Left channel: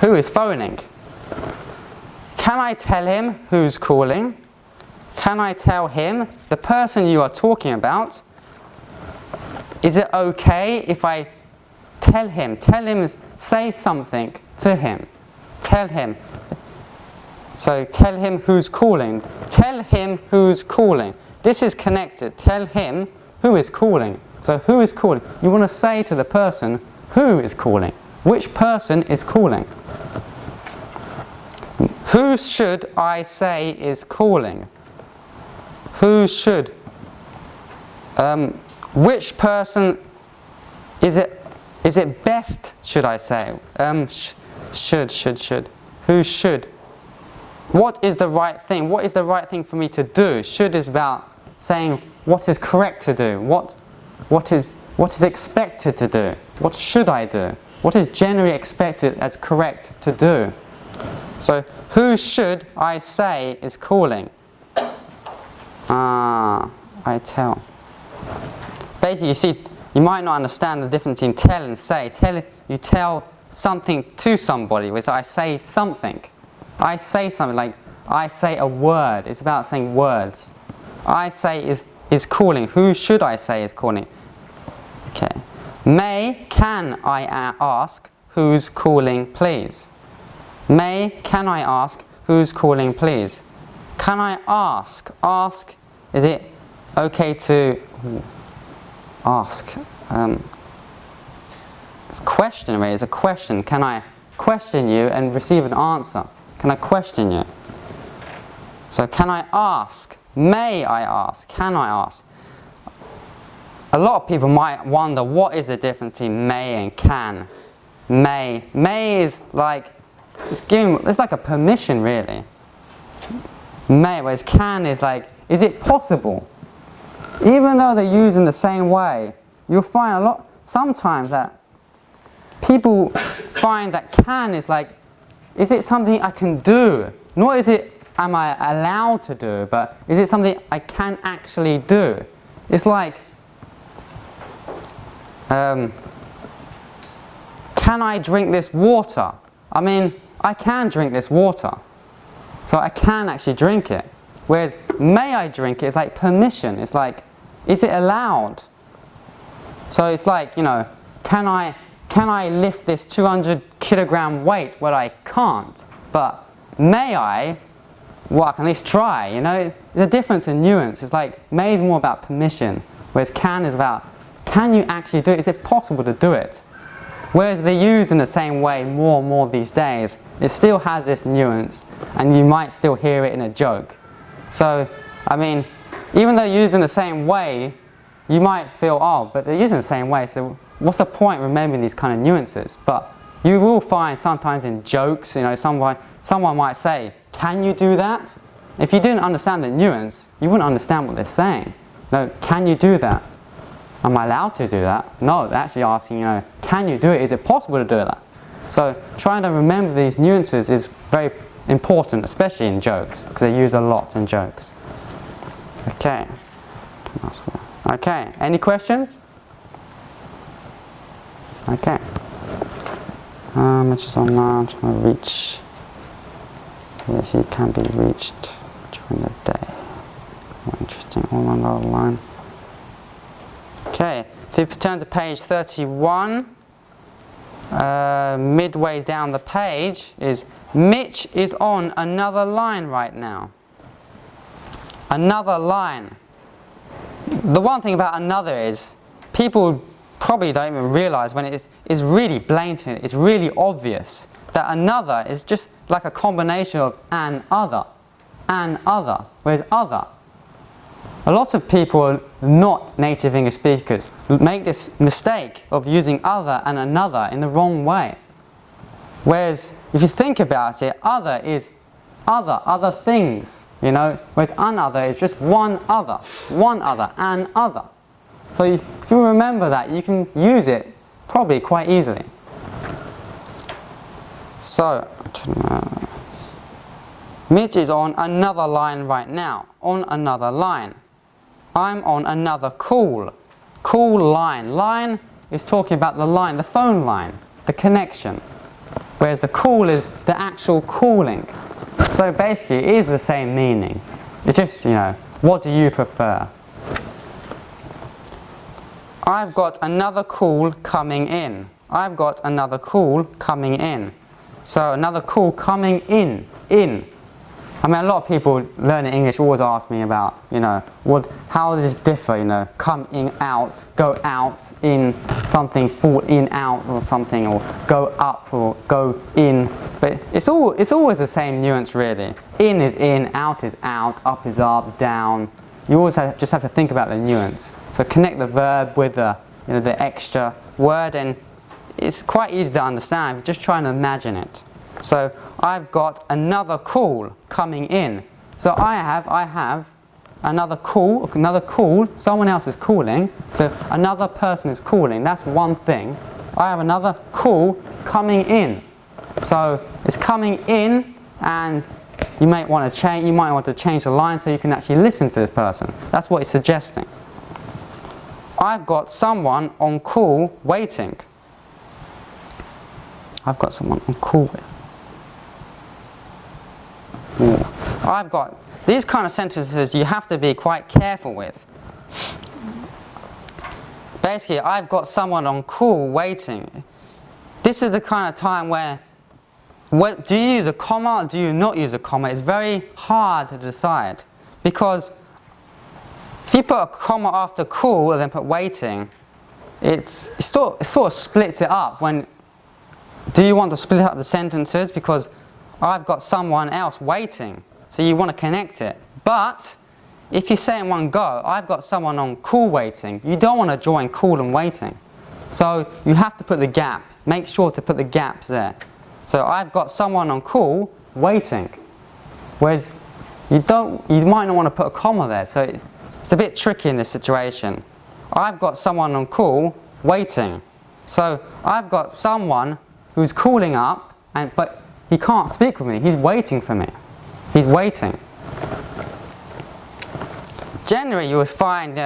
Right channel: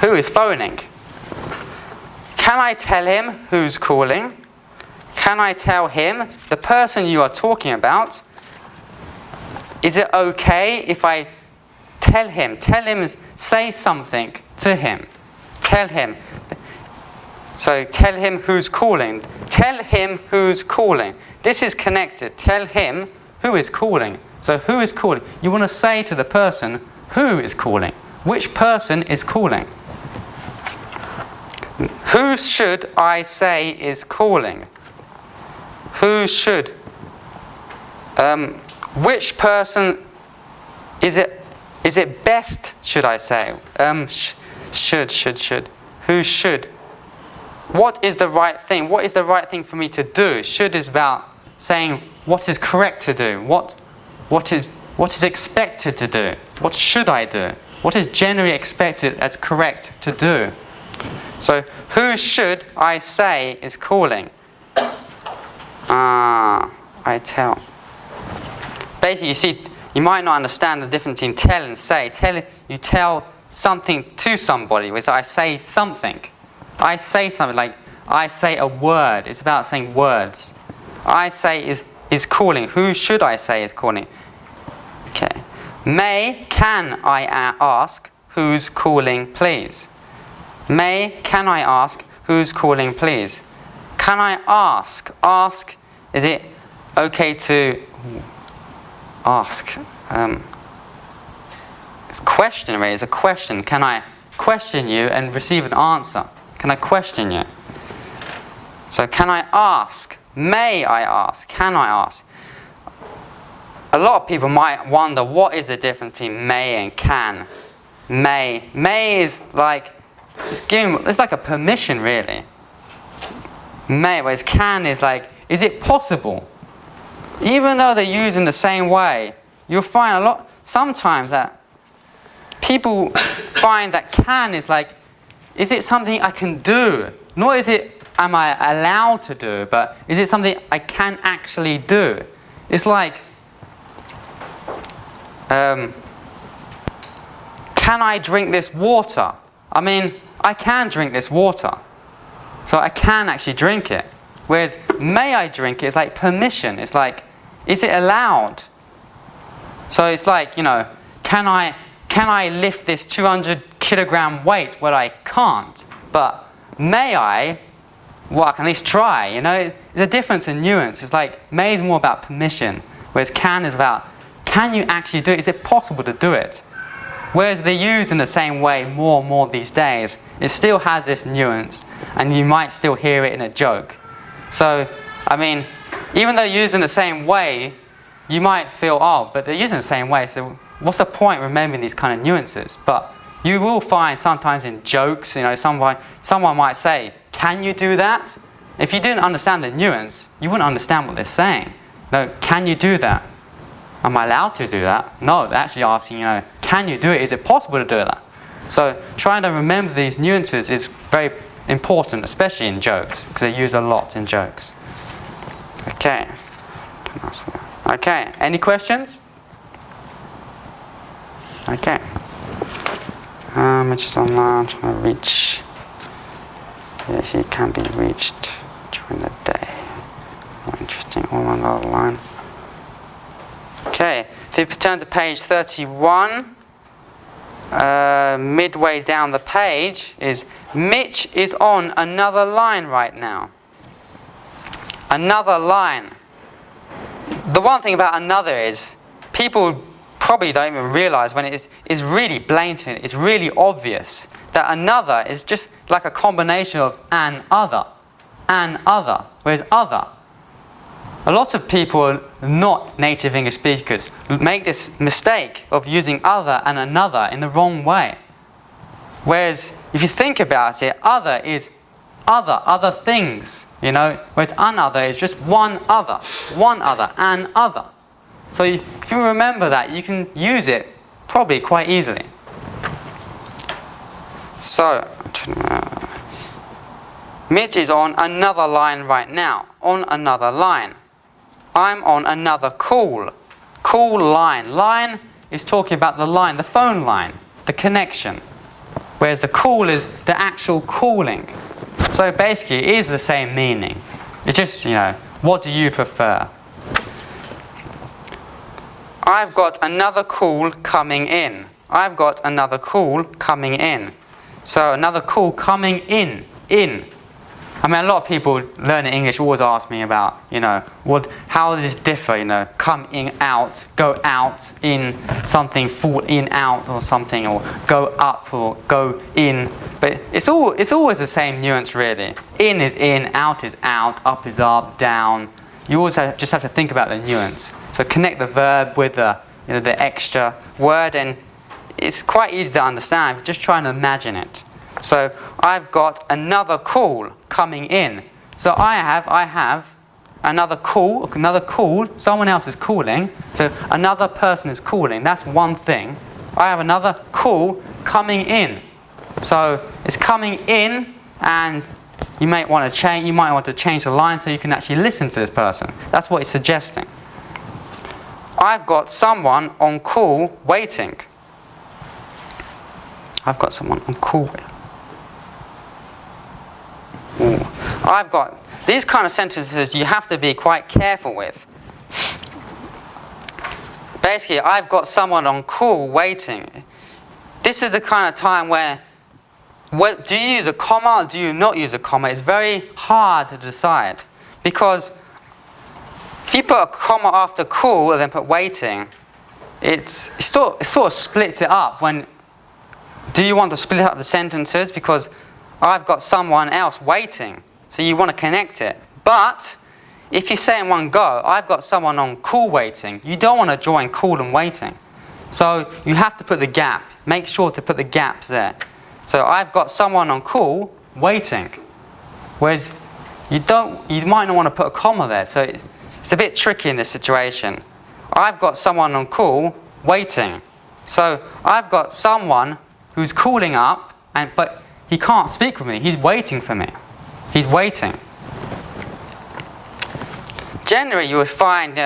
Who is phoning? Can I tell him who's calling? Can I tell him, the person you are talking about, is it okay if I tell him, say something to him. Tell him. So tell him who's calling. Tell him who's calling. This is connected. Tell him who is calling. So who is calling? You want to say to the person who is calling. Which person is calling? Who should I say is calling? Who should? Which person is it? Is it best? Should I say? Should. Who should? What is the right thing? What is the right thing for me to do? Should is about saying what is correct to do. What is expected to do? What should I do? What is generally expected as correct to do? So, who should I say is calling? I tell. Basically, you see, you might not understand the difference between tell and say. You tell something to somebody, whereas I say something. I say something like, I say a word. It's about saying words. I say is calling. Who should I say is calling? Okay. Can I ask who's calling, please? Can I ask who's calling, please? Can I ask? Ask, is it okay to ask? It's question, really. It's a question. Can I question you and receive an answer? Can I question you? So can I ask? May I ask? Can I ask? A lot of people might wonder what is the difference between may and can. May is like it's like a permission, really. May, whereas can is like, is it possible? Even though they're used in the same way, you'll find sometimes that people find that can is like, is it something I can do? Nor is it, am I allowed to do, but is it something I can actually do? It's like, can I drink this water? I mean, I can drink this water. So I can actually drink it. Whereas, may I drink it? It's like permission. It's like, is it allowed? So it's like, can I lift this 200 kilogram weight? Well, I can't. But may I? Well, I can at least try. There's a difference in nuance. It's like, may is more about permission. Whereas can is about, can you actually do it? Is it possible to do it? Whereas they're used in the same way more and more these days, it still has this nuance, and you might still hear it in a joke. So, I mean, even though used in the same way, you might feel, but they're used in the same way, so what's the point remembering these kind of nuances? But you will find sometimes in jokes, someone might say, can you do that? If you didn't understand the nuance, you wouldn't understand what they're saying. No, can you do that? Am I allowed to do that? No, they're actually asking, can you do it? Is it possible to do that? So trying to remember these nuances is very important, especially in jokes, because they're used a lot in jokes. Okay. Okay, any questions? Okay. Which is online, trying to reach. Yeah, he can be reached during the day. Interesting, all on the line. Okay, so if you turn to page 31, midway down the page is Mitch is on another line right now. Another line. The one thing about another is people probably don't even realize when it is really blatant, it's really obvious that another is just like a combination of an other, whereas other. A lot of people, not native English speakers, make this mistake of using other and another in the wrong way. Whereas, if you think about it, other is other things, whereas another is just one other, an other. So if you remember that, you can use it probably quite easily. So, Mitch is on another line right now, on another line. I'm on another call line. Line is talking about the line, the phone line, the connection. whereas the call is the actual calling. So basically, it is the same meaning. It's just, what do you prefer? I've got another call coming in. I've got another call coming in. So another call coming in. I mean, a lot of people learning English always ask me about, how does this differ? Come in, out, go out, in, something, fall in, out, or something, or go up, or go in. But it's always the same nuance, really. In is in, out is out, up is up, down. You always just have to think about the nuance. So connect the verb with the extra word, and it's quite easy to understand. If you're just trying to imagine it. So I've got another call coming in. So I have another call. Someone else is calling. So another person is calling. That's one thing. I have another call coming in. So it's coming in, and you might want to change. You might want to change the line so you can actually listen to this person. That's what it's suggesting. I've got someone on call waiting. I've got someone on call waiting. I've got these kind of sentences you have to be quite careful with. Basically, I've got someone on call waiting. This is the kind of time where do you use a comma or do you not use a comma? It's very hard to decide, because if you put a comma after call and then put waiting, it sort of splits it up. Do you want to split up the sentences? Because I've got someone else waiting, so you want to connect it. But if you say in one go, I've got someone on call waiting, you don't want to join call and waiting. So you have to put the gap. Make sure to put the gaps there. So I've got someone on call waiting. Whereas you might not want to put a comma there. So it's a bit tricky in this situation. I've got someone on call waiting. So I've got someone who's calling up, but he can't speak with me. He's waiting for me. He's waiting. Generally, you would find,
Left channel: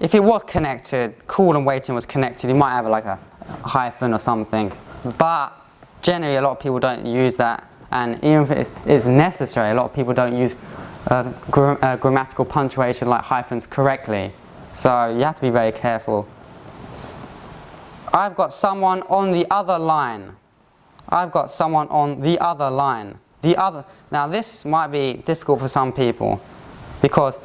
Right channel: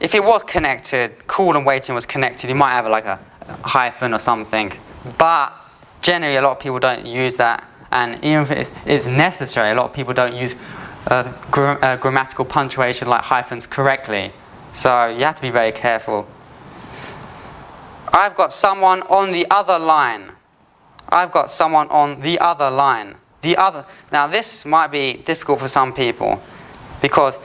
if it was connected, call and waiting was connected, you might have like a hyphen or something. But generally, a lot of people don't use that. And even if it is necessary, a lot of people don't use grammatical punctuation like hyphens correctly. So you have to be very careful. I've got someone on the other line. I've got someone on the other line. Now this might be difficult for some people, because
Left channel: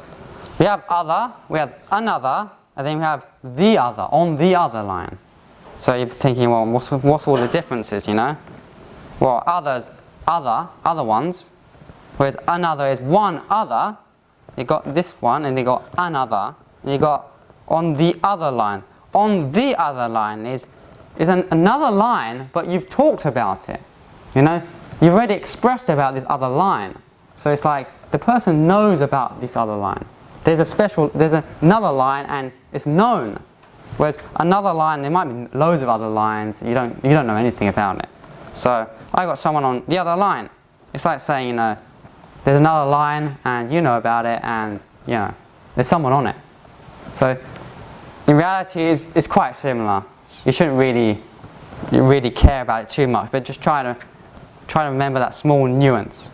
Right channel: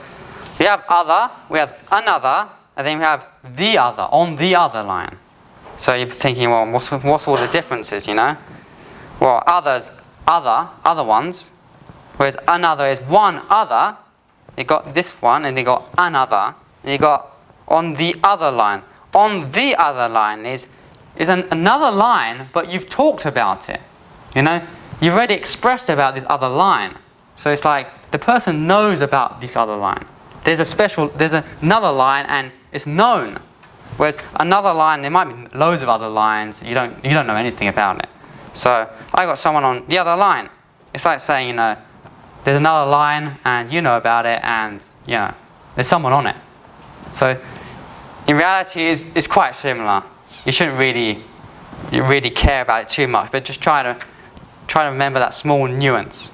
we have other, we have another, and then we have the other, on the other line. So you're thinking, well, what's all the differences, Well, other ones, whereas another is one other. You got this one, and you got another, and you got on the other line. On the other line is another line, but you've talked about it. You've already expressed about this other line. So it's like the person knows about this other line. There's another line, and it's known. Whereas another line, there might be loads of other lines. You don't know anything about it. So I got someone on the other line. It's like saying, there's another line, and you know about it, and there's someone on it. So in reality, it's quite similar. You shouldn't really care about it too much, but just try to remember that small nuance.